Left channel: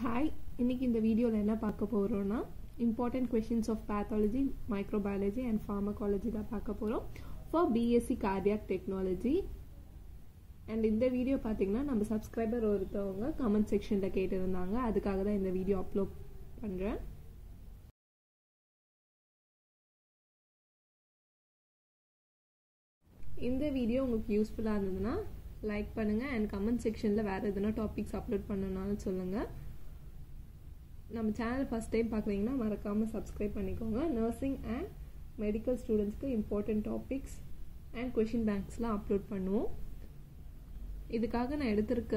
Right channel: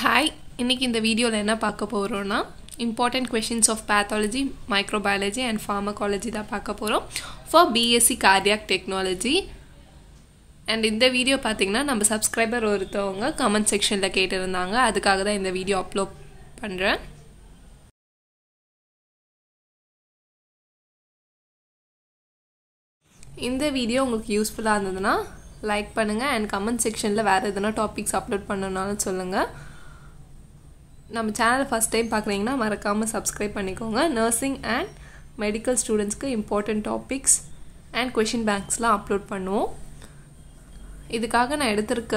Hi, இன்றைக்கி இந்த வீடியோவில் என்ன பார்க்க போகிறோன்னா important questions of pathology, microbiology and pharmacology தான் பார்க்க போகிறோம் for BSc cardiac technology. And இந்த வீடியோ பார்த்திங்கன்னா நம்ம சப்ஸ்கிரைபர் ஒருத்தவங்க கமெண்ட் செக்ஷனில் கேட்டிருந்தாங்க, அதுக்காக தான் இந்த வீடியோ அப்லோட் பண்ணுறேன். இந்த வீடியோ உங்களுக்கு யூஸ்ஃபுல்லாக இருந்ததுன்னா லைக் பண்ணுங்கள் அண்ட் கமெண்ட் செக்ஷனில் வேறு எதுனா டாபிக்ஸ் அப்லோட் பண்ணணுன்னாலும் சொல்லுங்கள். நம்ம சேனலை ஃபஸ்ட் டைம் பார்க்குறீங்கன்னா மறக்காமல் சப்ஸ்கிரைப் பண்ணிக்கோங்க. நர்சிங் அண்ட் மெடிக்கல் ஸ்டூடெண்ட்ஸ்க்கு இம்பார்ட்டண்ட் டாபிக்ஸ் அண்ட் கொஷின் பேங்க்ஸ்லாம் அப்லோட் பண்ணுவோம். இதுக்காக நான் எடுத்திருக்க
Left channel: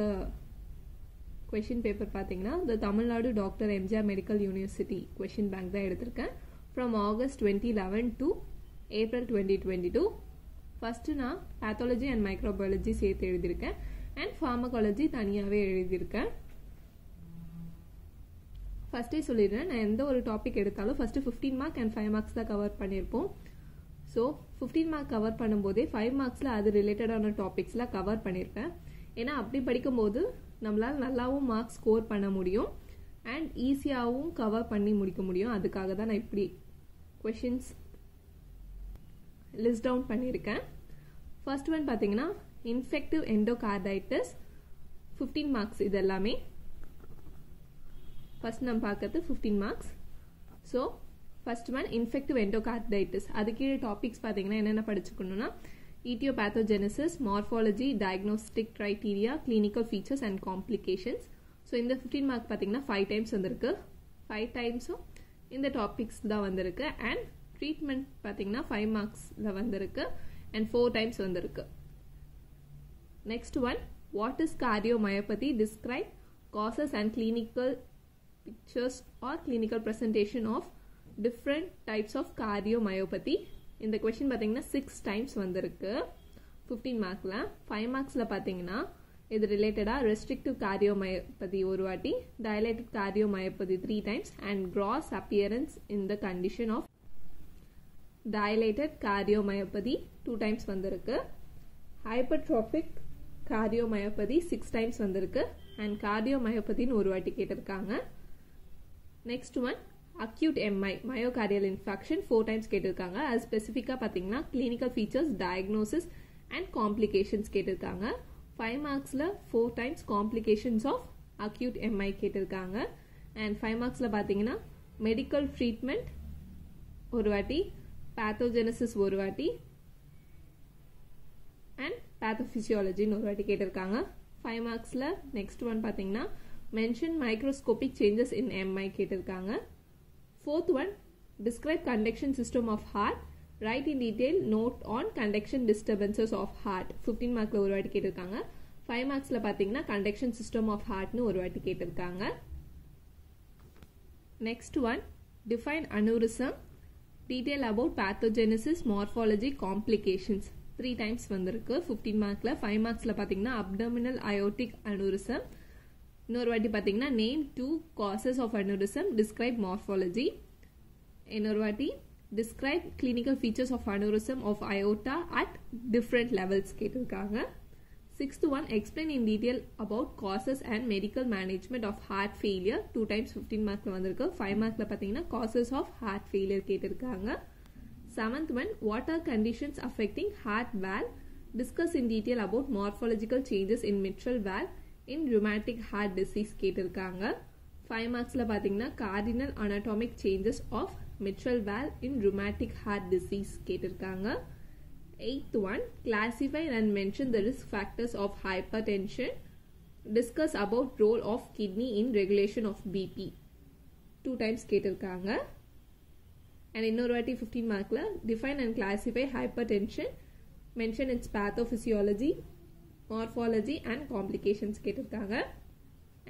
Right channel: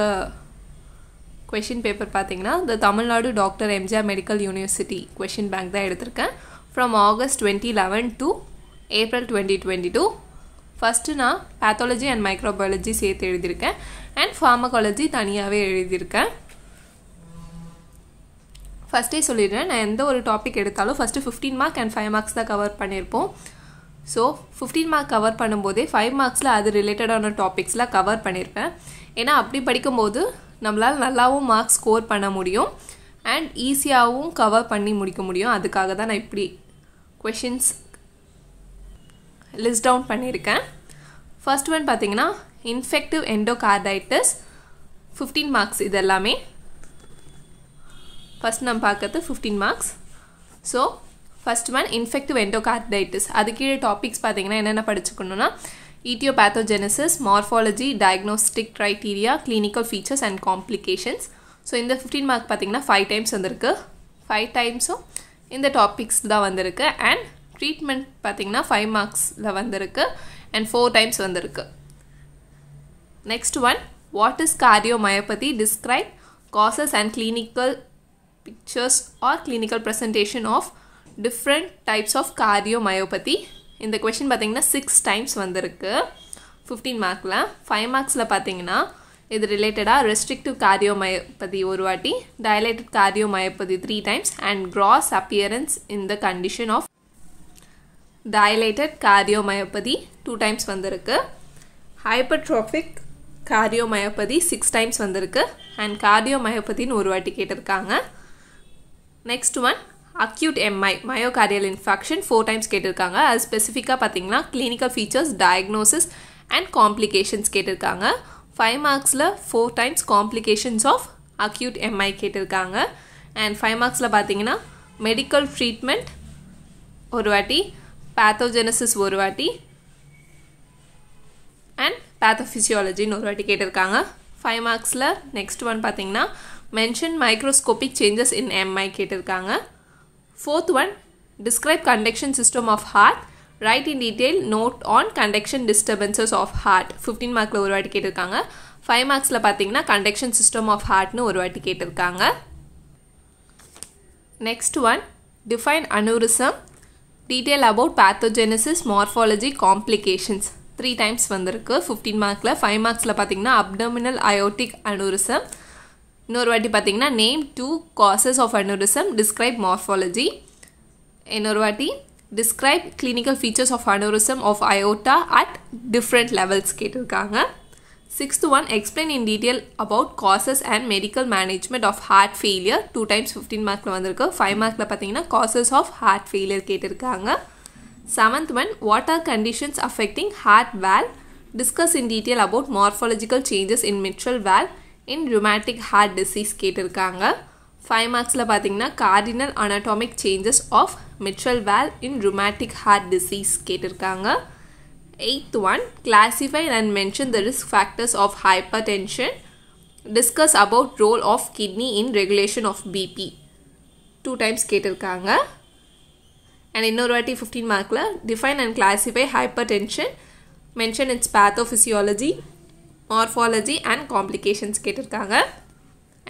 கொஷின் பேப்பர் பார்த்திங்கன்னா the Tamil Nadu doctor MGR medical university question bank தான் எடுத்திருக்கேன். From August 2011 to April 2022. First நான் பேத்தாலஜி அண்ட் மைக்ரோபயாலஜி சேர்த்து எழுதியிருக்கேன் அண்ட் ஃபார்மகாலஜி தனியாகவே எழுதியிருக்கேன். ஃபஸ்ட்டே சொல்லிடுறேன், நான் எந்த ஒரு டாபிக் எடுத்தாலும் ஃபஸ்ட்டு 15 மார்க் அண்ட் 5 மார்க்ஸ் தான் கவர் பண்ணியிருப்போம். ஸோ 15 மார்க் கவர் பண்ணும்போதே 5 மார்க்ஸில் அது ரிலேட்டடான டாபிக்ஸ்லாம் கவர் பண்ணியிருப்பேன். ஏன்னா அப்படி படிக்கும்போது நம்மளால் நல்லாவும் மார்க்ஸ் ஸ்கோர் பண்ண முடியும் அண்ட் ஈஸியாகவும் கவர் பண்ணி முடிக்க முடியும். அதுக்காக தான் நான் இப்படி கொஷின்ஸ் லிஸ்ட் டவுன் பண்ணியிருக்கேன். ஃபர்ஸ்ட் ஒன் பார்த்தீங்கன்னா இன்ஃபெக்டிவ் எண்டோகார்டைட்டிஸ் 15 மார்க்ஸ். இது எல்லாமே ஃபஸ்ட் நம்ம பார்க்கறது 15 marks. So first one infective endocarditis. அது கீழே டாபிக்ஸ் பார்த்தீங்கன்னா என்னென்ன படிச்சுக்கணுன்னா etiopathogenesis, morphology, diagnostic criteria, clinical features and complications. So இந்த 15 மார்க் பார்த்தீங்கன்னா 5 டைம்ஸ் வந்திருக்கு. 5 டைம்ஸும் இந்த டாபிக்ஸ் தான் வந்திருக்கு. அண்ட் ட்ரீட்மெண்ட் பார்த்திங்கன்னா 5 மார்க்ஸில் வந்திருக்கு அண்ட் 4 டைம்ஸ் வந்திருக்கு. Next one what is cardiomyopathy, describe causes and clinical pictures or clinical presentation of different types of cardiomyopathy. இந்த question பார்த்தீங்கன்னா 6 times வந்திருக்கு 15 மார்க்கில். 5 மார்க்ஸில் பார்த்தீங்கன்னா இது ரிலேட்டடாக ரெஸ்ட்ரிக்டிவ் கார்டியோமயோபதி ஒரு வாட்டி, dilated cardiomyopathy 3 times and gross appearance in the condition of dilated cardiomyopathy 2 times வந்திருக்கு. hypertrophic cardiomyopathy 6 times வந்திருக்கு and cardiomyopathyன்னு ஒரு வாட்டி கேட்டிருக்காங்க. Next one acute MI myocardial infection 4 times கேட்டிருக்காங்க. அது ஸ்பெசிஃபிக்காக பார்த்தீங்கன்னா clinical features, diagnosis and complications கேட்டிருக்காங்க. 5 மார்க்ஸில் 4 times complications of acute MI கேட்டிருக்காங்க. அண்ட் 5 மார்க்ஸில் பார்த்தீங்கன்னா மெடிக்கல் ட்ரீட்மெண்ட் ஒரு வாட்டி, பேத்தோஜெனசிஸ் ஒரு வாட்டி அண்ட் பேத்தோஃபிசியாலஜின்னு ஒரு வாட்டி கேட்டிருக்காங்க. 5 மார்க்ஸில் நெக்ஸ்ட் ஒன் பார்த்தீங்கன்னா mention microscopic changes in MI கேட்டிருக்காங்க. 4th one describe conduction system of heart, write in detail note on conduction disturbances of heart 15 மார்க்கில் ஒரு வாட்டி கேட்டிருக்காங்க. 5 மார்க்ஸில் பார்த்தீங்கன்னா கண்டக்ஷன் சிஸ்டம் ஆஃப் ஹார்ட்னு ஒரு வாட்டி கேட்டிருக்காங்க. Next one define aneurysm, detail about pathogenesis, morphology, complications 3 times வந்திருக்கு 15 மார்க்கில். 5 மார்க்ஸில் பார்த்தீங்கன்னா அப்டோமினல் அயோட்டிக் அனூரிசம். இன்னொரு வாட்டி பார்த்தீங்கன்னா name 2 causes of aneurysm, describe morphology. இன்னொரு வாட்டி describe clinical features of aneurysm of aorta at different levels கேட்டிருக்காங்க. 6th one explain in detail about causes and medical management of heart failure 2 times 15 மார்க்கில் வந்திருக்கு. 5 மார்க்கில் பார்த்தீங்கன்னா காசஸ் ஆஃப் ஹார்ட் ஃபெயிலியர் கேட்டிருக்காங்க. 7th one what are conditions affecting heart valve, discuss in detail about morphological changes in mitral valve in rheumatic heart disease கேட்டிருக்காங்க. 5 மார்க்ஸில் பார்த்தீங்கன்னா cardinal anatomic changes of mitral valve in rheumatic heart disease கேட்டிருக்காங்க. 8th one classify and mention the risk factors of hypertension, discuss about role of kidney in regulation of BP 2 times கேட்டிருக்காங்க. And இன்னொரு வாட்டி 15 மார்க்கில் define and classify hypertension, mention its pathophysiology, morphology and complications கேட்டிருக்காங்க.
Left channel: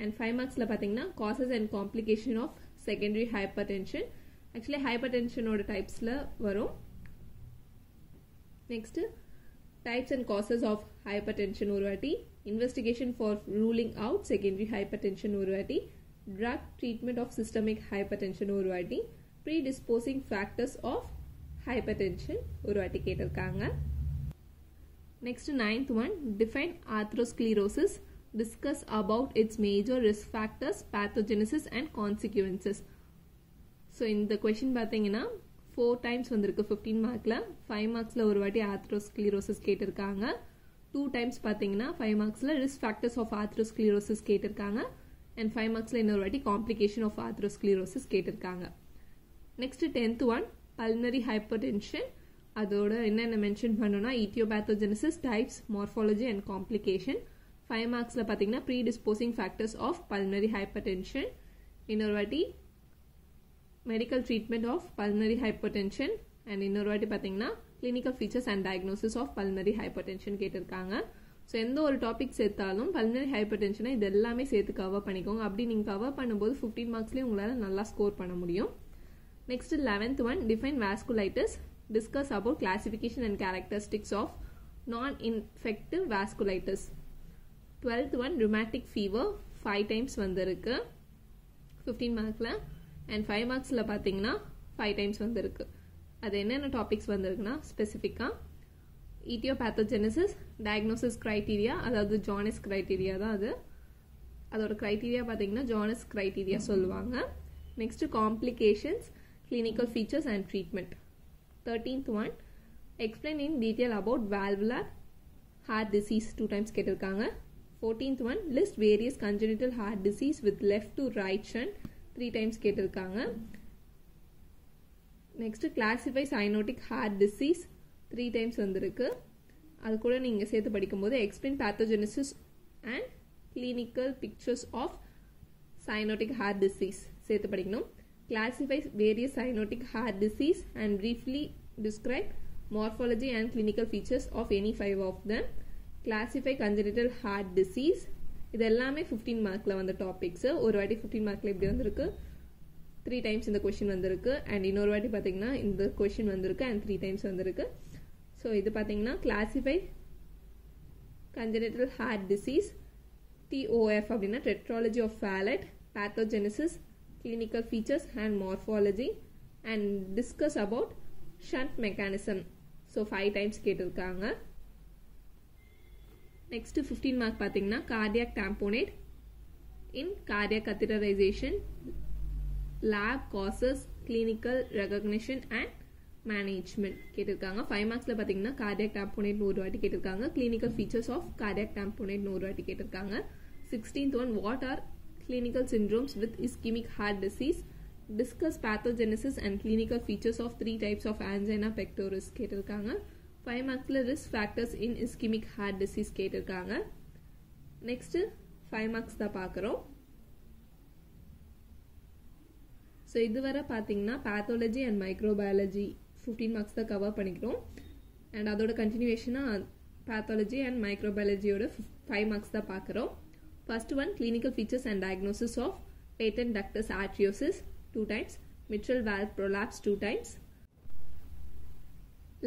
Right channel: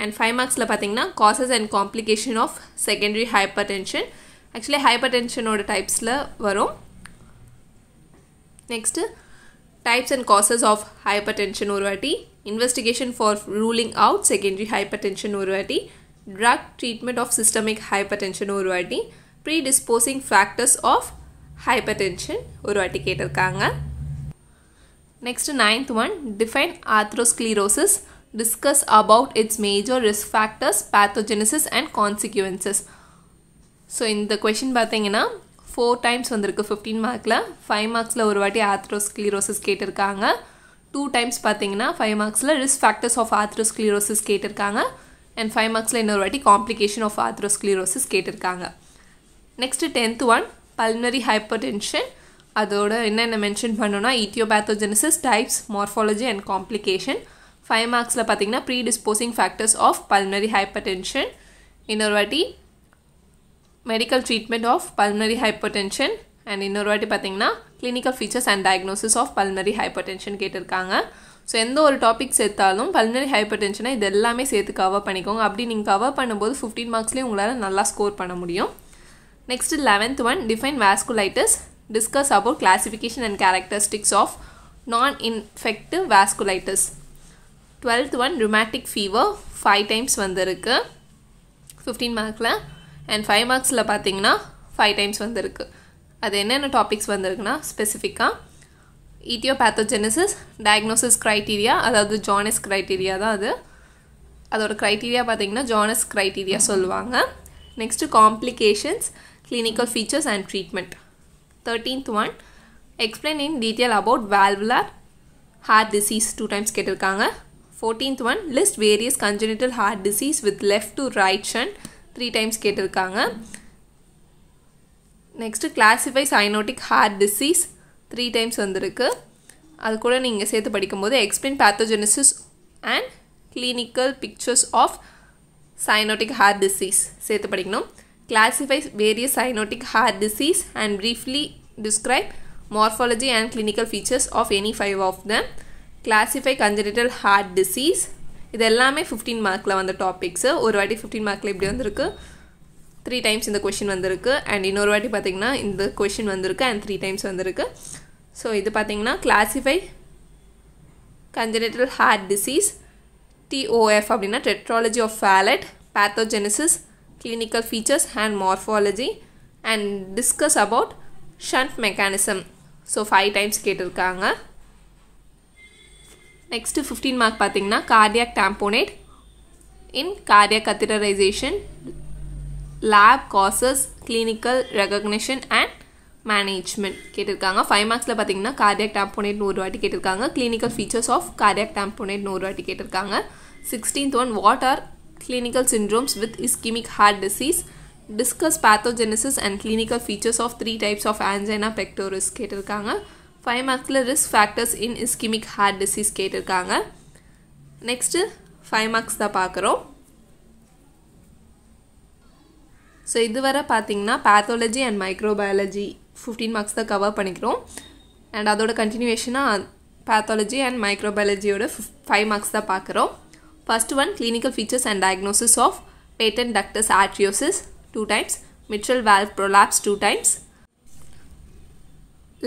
And 5 மார்க்ஸில் பார்த்தீங்கன்னா causes and complication of secondary hypertension. Actually ஹைப்பர்டென்ஷனோட டைப்ஸில் வரும். Next types and causes of hypertension ஒரு வாட்டி, investigation for ruling out secondary hypertension ஒரு வாட்டி, drug treatment of systemic hypertension ஒரு வாட்டி, predisposing factors of hypertension ஒரு வாட்டி கேட்டிருக்காங்க. Next 9th one define atherosclerosis, discuss about its major risk factors, pathogenesis and consequences. So இந்த question பார்த்தீங்கன்னா 4 times வந்திருக்கு 15 மார்க்கில். 5 மார்க்ஸில் ஒரு வாட்டி ஆத்ரோஸ்க்ளீரோசிஸ் கேட்டிருக்காங்க. 2 times பார்த்தீங்கன்னா 5 மார்க்ஸில் risk factors of atherosclerosis கேட்டிருக்காங்க. and 5 மார்க்ஸில் இன்னொரு வாட்டி complication of atherosclerosis கேட்டிருக்காங்க. next 10th one pulmonary hypertension. அதோட என்னென்ன மென்ஷன் பண்ணோன்னா etiopathogenesis, types, morphology and complication. 5 மார்க்ஸில் பார்த்தீங்கன்னா predisposing factors of pulmonary hypertension. இன்னொரு வாட்டி medical treatment of pulmonary hypertension. and இன்னொரு வாட்டி பார்த்தீங்கன்னா clinical features and diagnosis of pulmonary hypertension கேட்டிருக்காங்க. ஸோ எந்த ஒரு டாபிக் சேர்த்தாலும் pulmonary hypertension இது எல்லாமே சேர்த்து கவர் பண்ணிக்கோங்க. அப்படி நீங்கள் கவர் பண்ணும்போது 15 மார்க்ஸ்லேயும் உங்களால் நல்லா ஸ்கோர் பண்ண முடியும். Next 11th one define vasculitis. Discuss about classification and characteristics of non-infective vasculitis. 12th one rheumatic fever 5 times வந்திருக்கு 15 மார்க்கில். and 5 மார்க்ஸில் பார்த்தீங்கன்னா 5 times வந்திருக்கு. அது என்னென்ன டாபிக்ஸ் வந்திருக்குன்னா ஸ்பெசிஃபிக்காக etiopathogenesis, diagnosis criteria, அதாவது ஜானஸ் criteria தான் அது. அதோட criteria பார்த்தீங்கன்னா ஜானஸ் criteria சொல்லுவாங்க. Next complications, clinical features and treatment. 13th one explain in detail about valvular heart disease 2 times கேட்டிருக்காங்க. 14th one list various congenital heart disease with left to right shunt 3 times கேட்டிருக்காங்க. Next classify cyanotic heart disease 3 times வந்திருக்கு. அது கூட நீங்கள் சேர்த்து படிக்கும்போது explain pathogenesis and clinical pictures of cyanotic heart disease சேர்த்து படிக்கணும். Classify various cyanotic heart disease and briefly describe morphology and clinical features of any 5 of them. Classify congenital heart disease. இது எல்லாமே 15 மார்க்கில் வந்த டாபிக்ஸு. ஒரு வாட்டி 15 மார்க்கில் இப்படி வந்திருக்கு, 3 times இந்த கொஷின் வந்திருக்கு. அண்ட் இன்னொரு வாட்டி பார்த்திங்கன்னா இந்த கொஷின் வந்திருக்கு அண்ட் 3 times வந்திருக்கு. ஸோ இது பார்த்திங்கன்னா classify congenital heart disease, TOF அப்படின்னா tetralogy of Fallot, pathogenesis, clinical features and morphology, and discuss about shunt mechanism. So 5 times கேட்டிருக்காங்க. நெக்ஸ்ட்டு 15 மார்க் பார்த்தீங்கன்னா cardiac tamponade in cardiac catheterization, lab causes, clinical recognition and management கேட்டிருக்காங்க. 5 மார்க்ஸில் பார்த்தீங்கன்னா cardiac tamponade ஒரு வாட்டி கேட்டிருக்காங்க. clinical features of cardiac tamponade ஒரு வாட்டி கேட்டிருக்காங்க. 16th one what are clinical syndromes with ischemic heart disease. Discuss pathogenesis and clinical features of 3 types of angina pectoris கேட்டிருக்காங்க. 5 மார்க்ஸில் risk factors in ischemic heart disease கேட்டிருக்காங்க. Next 5 marks தான் பார்க்குறோம். So இதுவரை பார்த்தீங்கன்னா pathology and microbiology 15 marks தான் cover பண்ணிக்கிறோம். And அதோட கண்டினியூவேஷனாக pathology and microbiologyயோட 5 marks தான் பார்க்குறோம். First one clinical features and diagnosis of patent ductus arteriosus 2 times, mitral valve prolapse 2 times,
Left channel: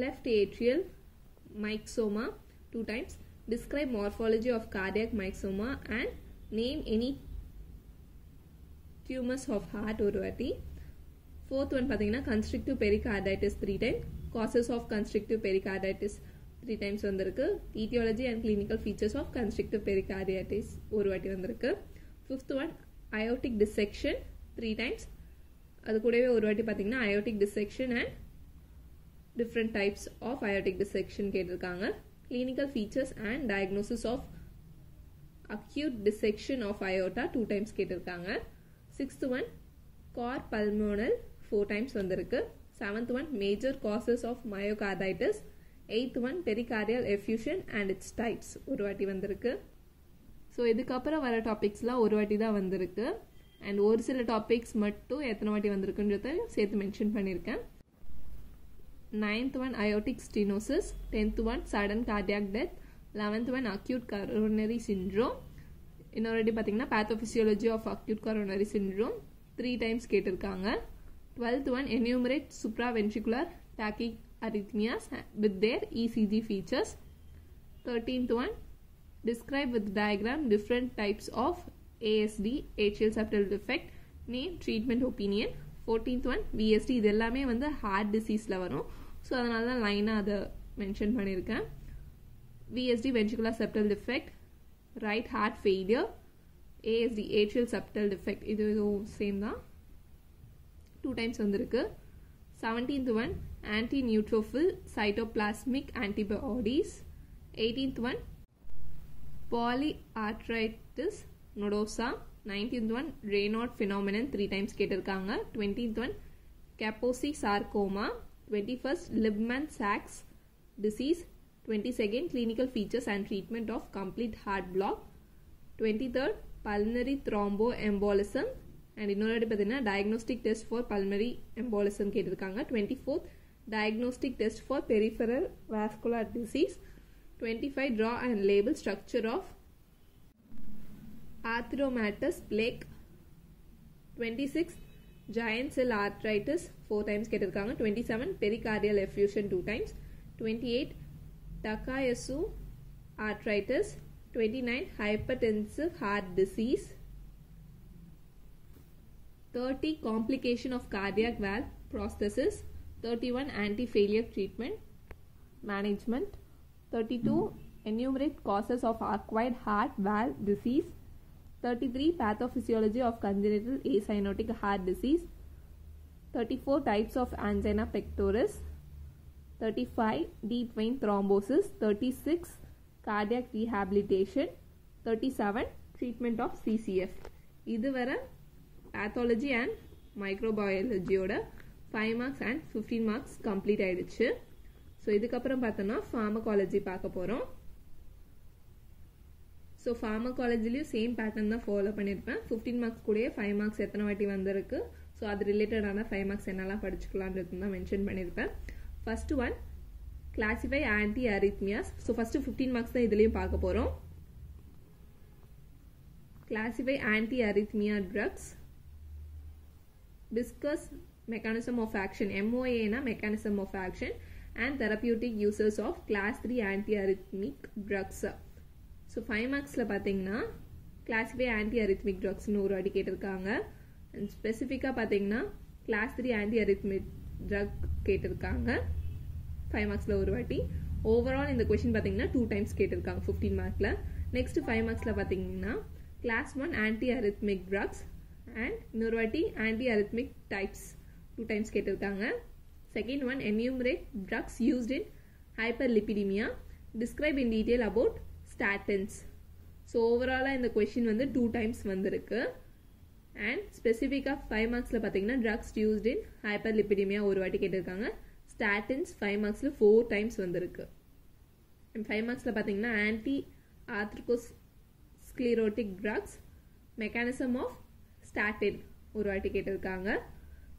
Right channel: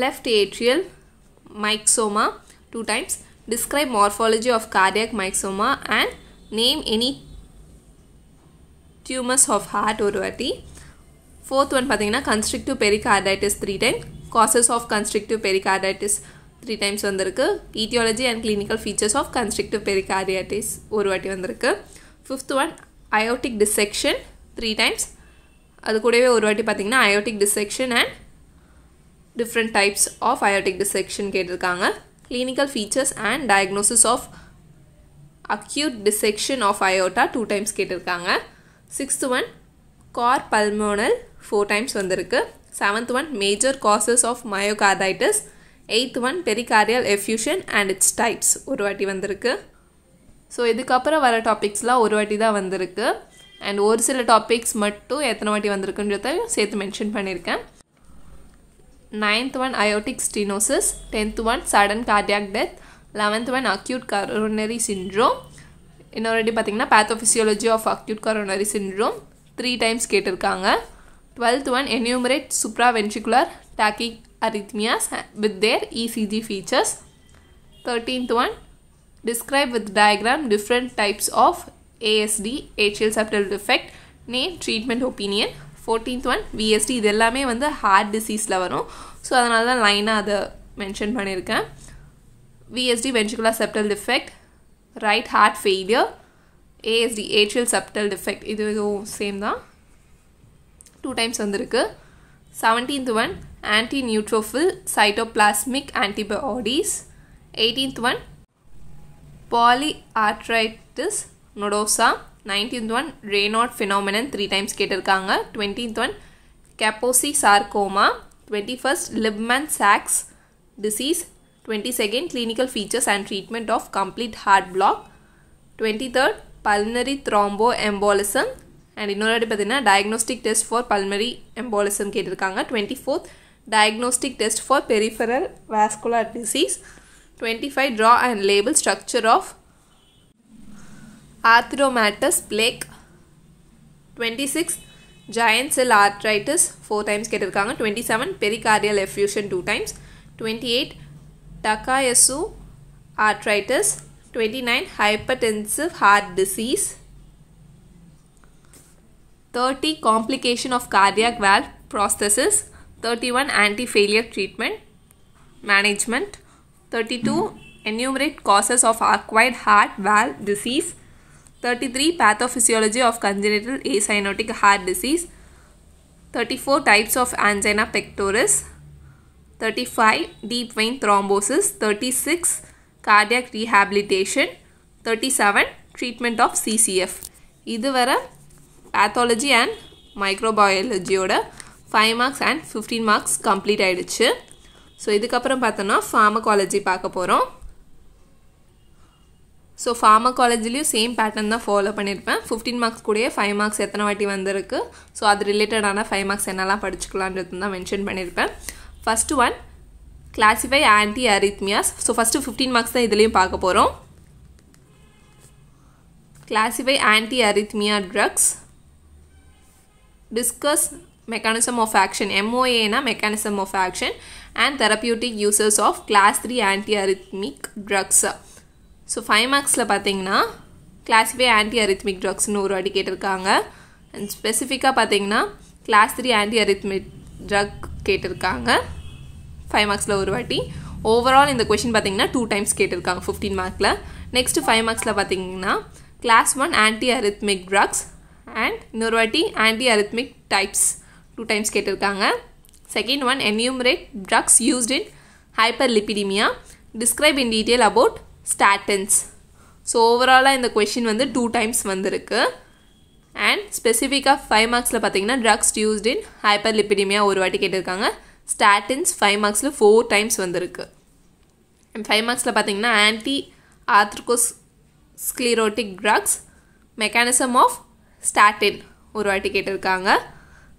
left atrial myxoma 2 times. Describe morphology of cardiac myxoma and name any tumors of heart ஒரு வாட்டி. 4th one பார்த்தீங்கன்னா constrictive pericarditis 3 times, causes of constrictive pericarditis 3 times வந்திருக்கு. etiology and clinical features of constrictive pericarditis ஒரு வாட்டி வந்திருக்கு. 5th one aortic dissection 3 times. அது கூடவே ஒரு வாட்டி பார்த்தீங்கன்னா aortic dissection and different types of aortic dissection கேட்டிருக்காங்க. clinical features and diagnosis of acute dissection of aorta 2 times கேட்டிருக்காங்க. 6th one cor pulmonale 4 times வந்திருக்கு. 7th one major causes of myocarditis. 8th one pericardial effusion and its types ஒரு வாட்டி வந்திருக்கு. So இதுக்கப்புறம் வர டாபிக்ஸ்லாம் ஒரு வாட்டி தான் வந்திருக்கு. அண்ட் ஒரு சில டாபிக்ஸ் மட்டும் எத்தனை வாட்டி வந்திருக்குன்றத சேர்த்து மென்ஷன் பண்ணியிருக்கேன். 9th one aortic stenosis, 10th one sudden cardiac death, 11th one acute coronary syndrome. இன்னொரு வாட்டி பார்த்தீங்கன்னா pathophysiology of acute coronary syndrome 3 times கேட்டிருக்காங்க. 12th one enumerate supraventricular tachyarrhythmias with their ECG features. 13th one describe with diagram different types of ASD, atrial septal defect, name, treatment, opinion. 14th one VSD. இது எல்லாமே வந்து heart டிசீஸில் வரும். So அதனால தான் லைனாக அதை mention பண்ணியிருக்கேன். VSD ventricular septal defect. right heart failure. ASD, atrial septal defect, இது சேம் தான், 2 times வந்திருக்கு. 17th one anti-neutrophil cytoplasmic antibodies. 18th one polyarthritis nodosa. 19th one Raynaud phenomenon 3 times கேட்டிருக்காங்க. 20th one Kaposi sarcoma. 21st Libman-Sachs disease. 22nd clinical features and treatment of complete heart block. 23rd pulmonary thromboembolism and இன்னொரு பார்த்தீங்கன்னா diagnostic test for pulmonary embolism கேட்டிருக்காங்க. 24th diagnostic test for peripheral vascular disease. 25 draw and label structure of arthromatous plaque. 26 giant cell arthritis 4 times கேட்டிருக்காங்க. 27 pericardial effusion 2 times. 28 Takayasu arthritis. 29 hypertensive heart disease. 30 complication of cardiac valve prosthesis. 31 anti-failure treatment management. 32 enumerate causes of acquired heart valve disease. 33 pathophysiology of congenital acyanotic heart disease. 34 types of angina pectoris. 35 deep vein thrombosis. 36 cardiac rehabilitation. 37 treatment of CCF. இதுவரை pathology and microbiology ஓட 5 marks and 15 marks complete ஆயிடுச்சு. So இதுக்கப்புறம் பார்த்தோன்னா pharmacology பார்க்க போகிறோம். So pharmacologyலையும் same pattern தான் follow பண்ணியிருப்பேன். 15 marks கூடயே 5 மார்க்ஸ் எத்தனை வாட்டி வந்திருக்கு, ஸோ அது ரிலேட்டடான 5 மார்க்ஸ் என்னெல்லாம் படிச்சுக்கலான்றது தான் மென்ஷன் பண்ணியிருப்பேன். First one classify anti arrhythmias. So first 15 marks தான் இதுலேயும் பார்க்க போகிறோம். Classify anti arrhythmia drugs. Discuss mechanism of action. MOA na mechanism of action and therapeutic uses of class 3 antiarrhythmic drugs. So 5 marks la pathina classify antiarrhythmic drugs nu oru adi ketirukanga, and specific ah pathina class 3 antiarrhythmic drug ketirukanga 5 marks la oru vaati. Overall in the question pathina 2 times ketirukanga 15 mark la. Next 5 marks la pathina class 1 antiarrhythmic drugs and இன்னொரு வாட்டி antiarrhythmic types 2 times கேட்டிருக்காங்க. Second one enumerate drugs used in hyperlipidemia. Describe in detail about statins. So ஓவராலாக இந்த question வந்து 2 times வந்திருக்கு. And ஸ்பெசிஃபிக்காக 5 மார்க்ஸில் பார்த்தீங்கன்னா ட்ரக்ஸ் யூஸ்ட் இன் ஹைப்பர்லிபிடிமியா ஒரு வாட்டி கேட்டிருக்காங்க. ஸ்டாட்டின்ஸ் 5 மார்க்ஸில் 4 times வந்திருக்கு. அண்ட் 5 மார்க்ஸில் பார்த்தீங்கன்னா anti atherosclerotic drugs mechanism of statin ஒரு வாட்டி கேட்டிருக்காங்க.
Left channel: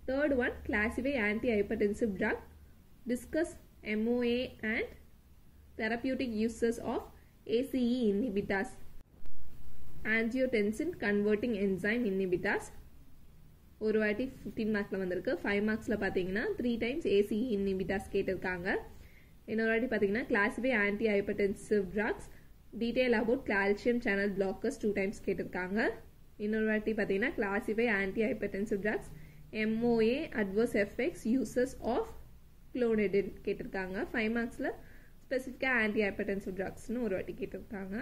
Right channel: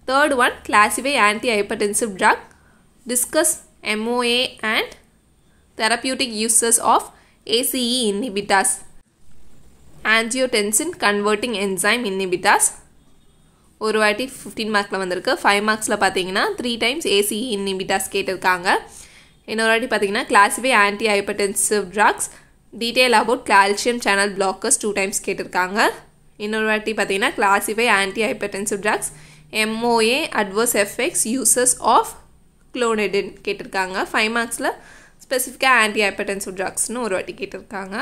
Third one classify anti hypertensive drug. Discuss MOA and therapeutic uses of ACE inhibitors. angiotensin converting enzyme inhibitors ஒரு வாட்டி 15 மார்க்கில் வந்திருக்கு. 5 மார்க்ஸில் பார்த்தீங்கன்னா 3 times ACE inhibitors கேட்டிருக்காங்க. இன்னொரு வாட்டி பார்த்தீங்கன்னா classify anti hypertensive drugs. Detail about calcium channel blockers 2 times கேட்டிருக்காங்க. இன்னொரு வாட்டி பார்த்தீங்கன்னா classify anti hypertensive drugs. MOA adverse effects uses of clonidine கேட்டிருக்காங்க. 5 மார்க்ஸில் ஸ்பெசிஃபிக்காக ஆன்டி ஹைப்பர்டென்சிவ் ட்ரக்ஸ்னு ஒரு வாட்டி கேட்டிருக்காங்க.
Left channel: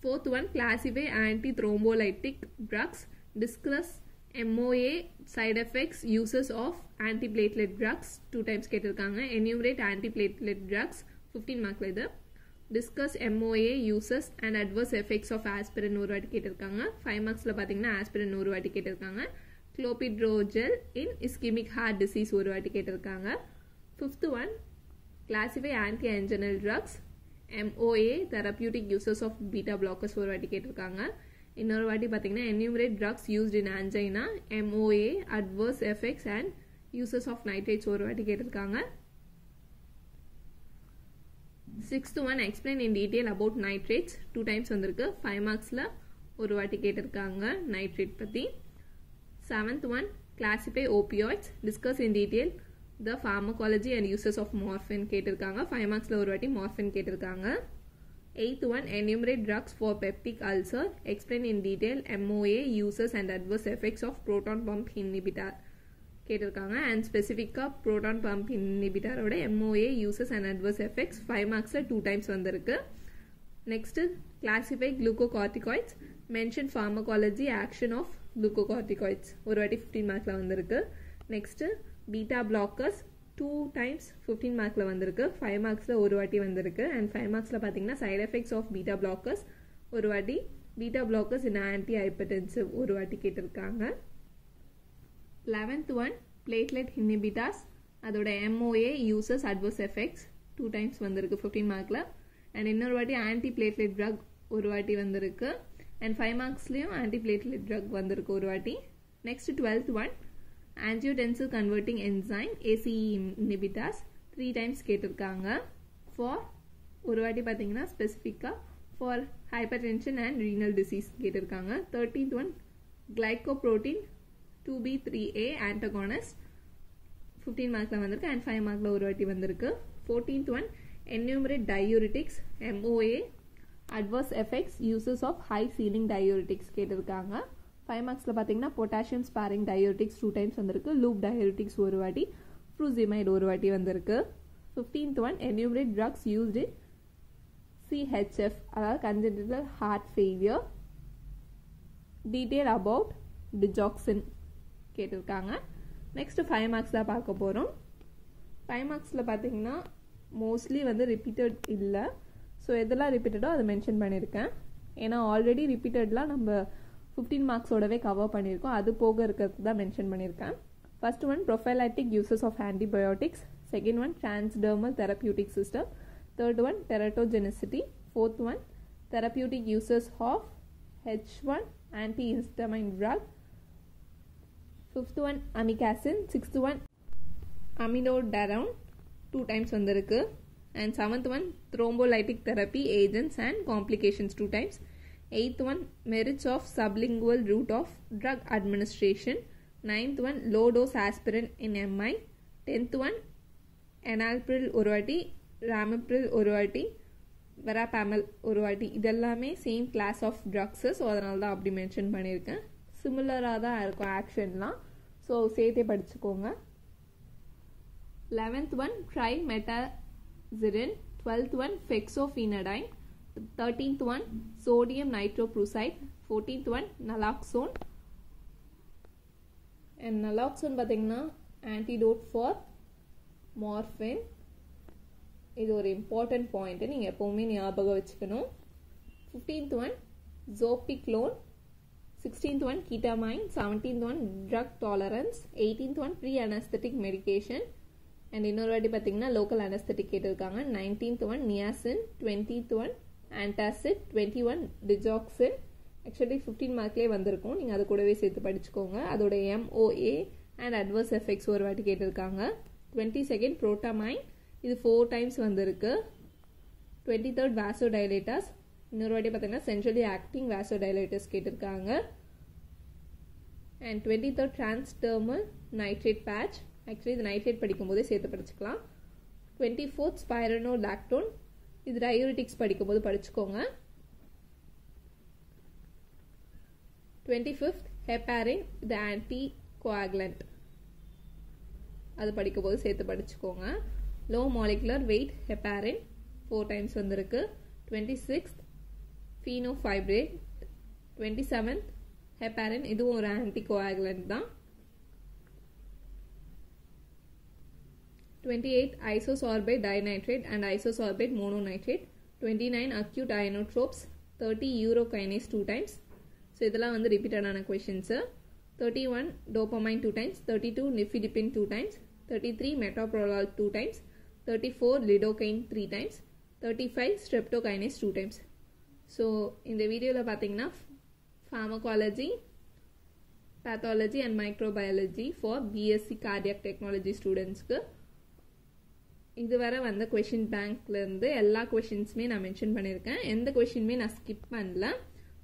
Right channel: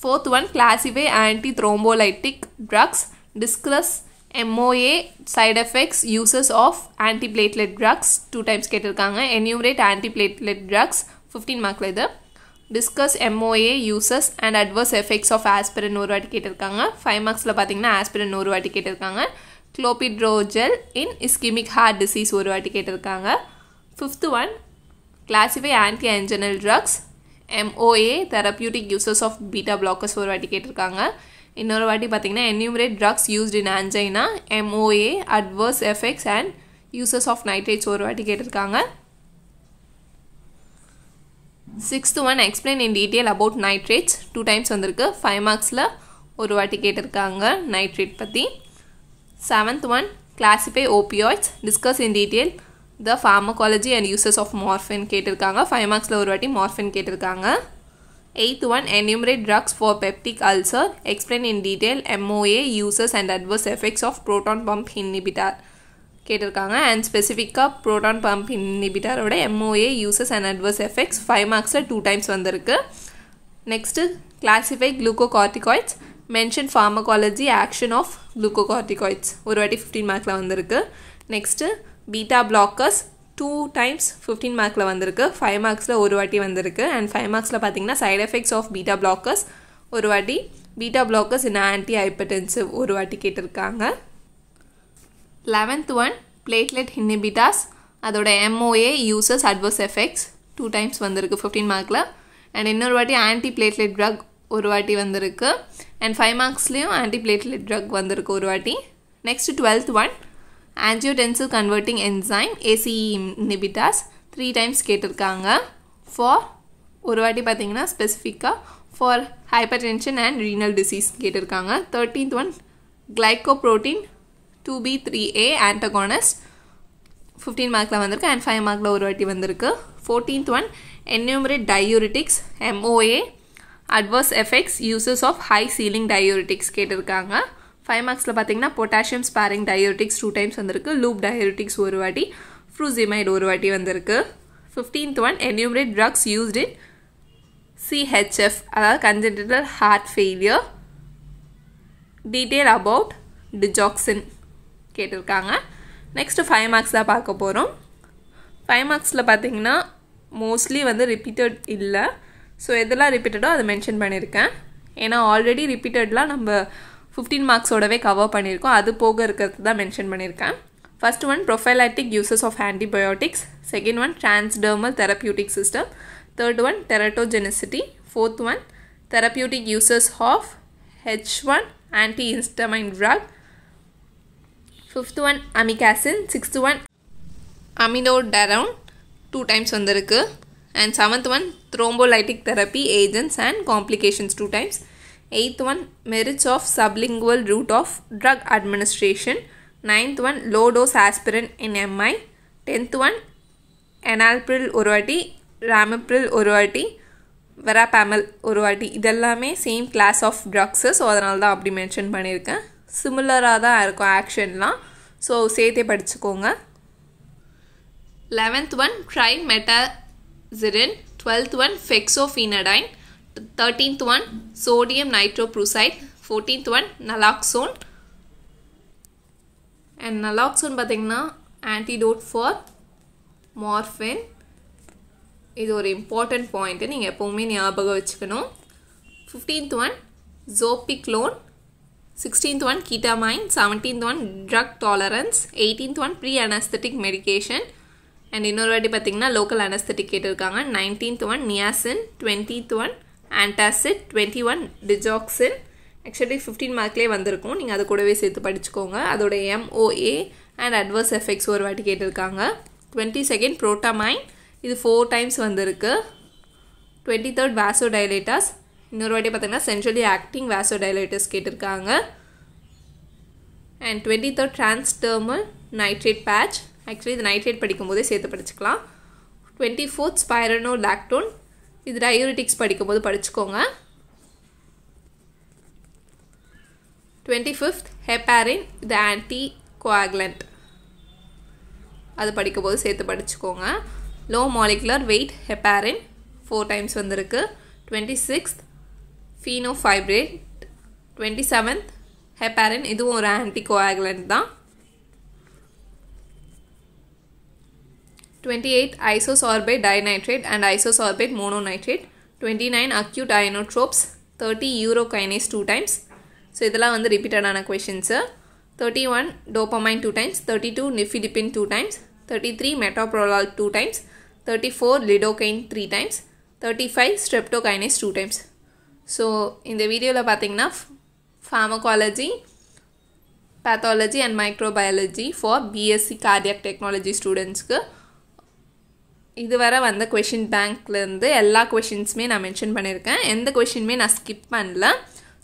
Fourth one classify anti thrombolytic drugs. Discuss MOA side effects uses of antiplatelet drugs 2 times கேட்டிருக்காங்க. என்யூமரேட் ஆன்டிபிளேட்லெட் ட்ரக்ஸ் 15 மார்க்கில் இது. Discuss MOA uses and adverse effects of aspirin ஒரு வாட்டி கேட்டிருக்காங்க. 5 மார்க்ஸில் பார்த்தீங்கன்னா ஆஸ்பிரின் ஒரு வாட்டி கேட்டிருக்காங்க. clopidogrel in ischemic heart disease ஒரு வாட்டி கேட்டிருக்காங்க. Fifth one classify anti anginal drugs. MOA therapeutic uses of beta blockers ஒரு வாட்டி கேட்டிருக்காங்க. இன்னொரு வாட்டி பார்த்தீங்கன்னா enumerate drugs used in angina, MOA adverse effects and uses of nitrates ஒரு வாட்டி கேட்டிருக்காங்க. Sixth one explain in detail about nitrates 2 times வந்திருக்கு. 5 மார்க்ஸில் ஒரு வாட்டி கேட்டிருக்காங்க நைட்ரேட் பற்றி. Seventh one classify opioids. Discuss in detail the pharmacology and uses of morphine கேட்டிருக்காங்க. 5 மார்க்ஸில் ஒரு வாட்டி morphine கேட்டிருக்காங்க. Eighth one enumerate drugs for peptic ulcer. explain in detail MOA uses and adverse effects of proton pump inhibitor கேட்டிருக்காங்க. And ஸ்பெசிஃபிக்காக proton pump இன்ஹிபிட்டரோட MOA uses and adverse effects 5 மார்க்ஸில் 2 times வந்திருக்கு. Next, classify glucocorticoids. Mention pharmacology action of glucocorticoids. ஒரு வாட்டி 15 மார்க்ல வந்திருக்கு. Next, beta blockers 2 times 15 மார்க்ல வந்திருக்கு. 5 மார்க்ஸ்ல ஒரு வாட்டி வந்திருக்கு. And 5 மார்க்ஸ்ல பாத்தீங்கன்னா side effects of beta blockers ஒரு வாட்டி, beta blockers in antihypertensive ஒரு வாட்டி கேட்டிருக்காங்க. 11th one, platelet inhibitors. அதோட MOA uses adverse effects 2 times வந்திருக்கு 15 மார்க்ல. And இன்னொரு வாட்டி antiplatelet drug ஒரு வாட்டி வந்திருக்கு. And 5 மார்க்ஸ்லயும் antiplatelet drug வந்திருக்கு ஒரு வாட்டி. Next 12th one, angiotensin converting enzyme ACE inhibitors 3 times கேட்டிருக்காங்க. For ஒரு வாட்டி பார்த்தீங்கன்னா ஸ்பெசிஃபிக்காக for hypertension and renal disease கேட்டிருக்காங்க. 13th one, glycoprotein 2B3A antagonist 15 மார்க்ல வந்திருக்கு. And 5 மார்க்ல ஒரு வாட்டி வந்திருக்கு. 14th one, enumerate diuretics MOA adverse effects uses of high ceiling diuretics கேட்டிருக்காங்க. 5 மார்க்ஸ்ல பார்த்தீங்கன்னா potassium sparing diuretics 2 times வந்திருக்கு. loop diuretics ஒரு வாட்டி, furosemide ஒரு வாட்டி வந்திருக்கு. 15th one, enumerate drugs used in CHF அதாவது congenital heart failure. detail about digoxin கேட்டிருக்காங்க. நெக்ஸ்ட் 5 மார்க்ஸ் தான் பார்க்க போகிறோம். 5 மார்க்ஸில் பார்த்தீங்கன்னா மோஸ்ட்லி வந்து ரிப்பீட்டட் இல்லை. ஸோ எதெல்லாம் ரிப்பீட்டடோ அதை மென்ஷன் பண்ணியிருக்கேன். ஏன்னா ஆல்ரெடி ரிப்பீட்டட்லாம் நம்ம 15 மார்க்ஸோடவே கவர் பண்ணியிருக்கோம். அது போக இருக்கிறது தான் மென்ஷன் பண்ணியிருக்கேன். First one, prophylactic uses of antibiotics. Second one, transdermal therapeutic system. Third one, teratogenicity. Fourth one, therapeutic uses of H1 antihistamine drug. Fifth one, amikacin. Sixth one, aminodarone 2 times வந்திருக்கு. And 7th one, thrombolytic therapy agents and complications 2 times. 8th one, merits of sublingual route of drug administration. 9th one, low dose aspirin in MI. 10th one, enalapril ஒரு வாட்டி, ramipril ஒரு வாட்டி, verapamil ஒரு வாட்டி. இதெல்லாமே same class of drugs. So அதனால தான் அப்படி மென்ஷன் பண்ணியிருக்கேன். சிமிலராக தான் இருக்கும் ஆக்ஷன்லாம். ஸோ சேர்த்தே படிச்சுக்கோங்க. 11th one, trimetazirin. 12th one, fexofenadine. 13th one, sodium nitroprusside. 14th one, naloxone. And naloxone பார்த்தீங்கன்னா antidote for morphine. இது ஒரு இம்பார்ட்டன்ட் பாயிண்ட்டு, நீங்கள் எப்போவுமே ஞாபகம் வச்சுக்கணும். 15th one, zopiclone. 16th one, ketamine. 17th one, drug tolerance. 18th one, pre-anesthetic medication. And இன்னொரு வாட்டி பார்த்தீங்கன்னா லோக்கல் அனஸ்தட்டிக் கேட்டிருக்காங்க. 19th one niacin. 20th one antacid. 21 digoxin. Actually 15 மார்க்லேயே வந்திருக்கும், நீங்கள் அது கூடவே சேர்த்து படிச்சுக்கோங்க. அதோட MOA அண்ட் அட்வர்ஸ் எஃபெக்ட்ஸ் ஒரு வாட்டி கேட்டிருக்காங்க. 22nd புரோட்டாமைன், இது 4 times வந்திருக்கு. 23rd வாசோடைலேட்டர்ஸ். இன்னொரு வாட்டி பார்த்தீங்கன்னா சென்ட்ரலி ஆக்டிங் வாசோடைலேட்டர்ஸ் கேட்டிருக்காங்க. And 23rd transdermal nitrate patch. Actually இது நைட்ரேட் படிக்கும்போதே சேர்த்து படிச்சுக்கலாம். 24th ஸ்பைரனோலாக்டோன், இது டயூரிட்டிக்ஸ் படிக்கும்போது படிச்சுக்கோங்க. 25th ஹெப்பாரின், இது ஆன்டி கோஆகுலண்ட், அது படிக்கும்போது சேர்த்து படிச்சுக்கோங்க. Low molecular wait heparin 4 times வந்திருக்கு. 26th ஃபீனோஃபைப்ரேட். 27th ஹெப்பாரின், இதுவும் ஒரு ஆன்டி கோஆகுலண்ட் தான். 28 isosorbate dinitrate and isosorbate mononitrate. 29 acute ionotropes. 30 urokinase 2 times. So இதெல்லாம் வந்து ரிப்பீட்டடான questions. 31 dopamine 2 times. 32 nifedipine 2 times. 33 metoprolol 2 times. 34 lidocaine 3 times. 35 streptokinase 2 times. So இந்த வீடியோவில் பார்த்தீங்கன்னா pharmacology, pathology and microbiology for BSc cardiac technology ஸ்டூடெண்ட்ஸ்க்கு இதுவரை வந்த question பேங்க்லேருந்து எல்லா கொஷின்ஸுமே நான் மென்ஷன் பண்ணியிருக்கேன். எந்த கொஷினுமே நான் ஸ்கிப் பண்ணல.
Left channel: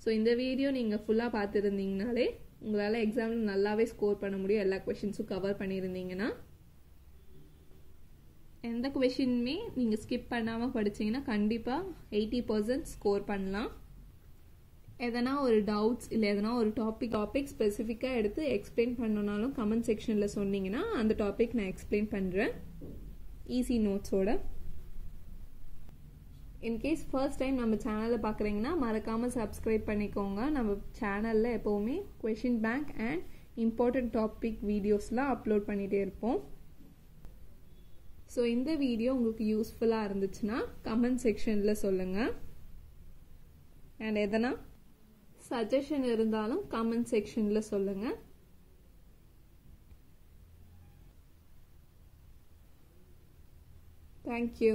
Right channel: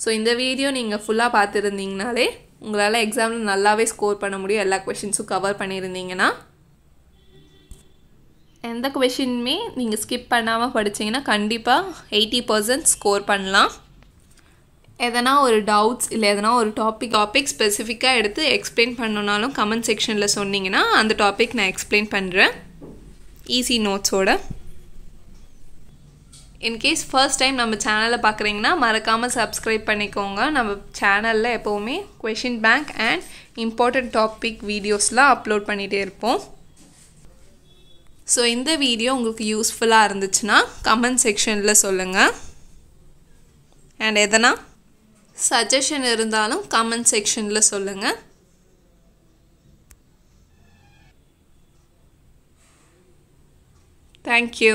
ஸோ இந்த வீடியோ நீங்கள் ஃபுல்லாக பார்த்துருந்தீங்கனாலே உங்களால் எக்ஸாமில் நல்லாவே ஸ்கோர் பண்ண முடியும். எல்லா கொஷின்ஸும் கவர் பண்ணியிருந்தீங்கன்னா. எந்த கொஷினுமே நீங்கள் ஸ்கிப் பண்ணாமல் படிச்சிங்கன்னா கண்டிப்பாக 80% ஸ்கோர் பண்ணலாம். எதனா ஒரு டவுட்ஸ் இல்லை எதனா ஒரு டாபிக் ஸ்பெசிஃபிக்காக எடுத்து எக்ஸ்பிளைன் பண்ணணுன்னாலும் கமெண்ட் செக்ஷனில் சொன்னீங்கன்னா அந்த டாபிக் நான் எக்ஸ்பிளைன் பண்ணுறேன் ஈஸி நோட்ஸோட. இன்கேஸ் ஃபர்ஸ்ட் டைம் நம்ம சேனலை பார்க்குறீங்கன்னா மறக்காமல் சப்ஸ்கிரைப் பண்ணிக்கோங்க. நம்ம சேனலில் எப்போவுமே question bank and important topic வீடியோஸ்லாம் அப்லோட் பண்ணிகிட்டே இருப்போம். ஸோ இந்த வீடியோ உங்களுக்கு யூஸ்ஃபுல்லாக இருந்துச்சுன்னா கமெண்ட் செக்ஷனில் சொல்லுங்கள். அண்ட் எதனா சஜஷன் இருந்தாலும் கமெண்ட் செக்ஷனில் சொல்லுங்கள். தேங்க்யூ.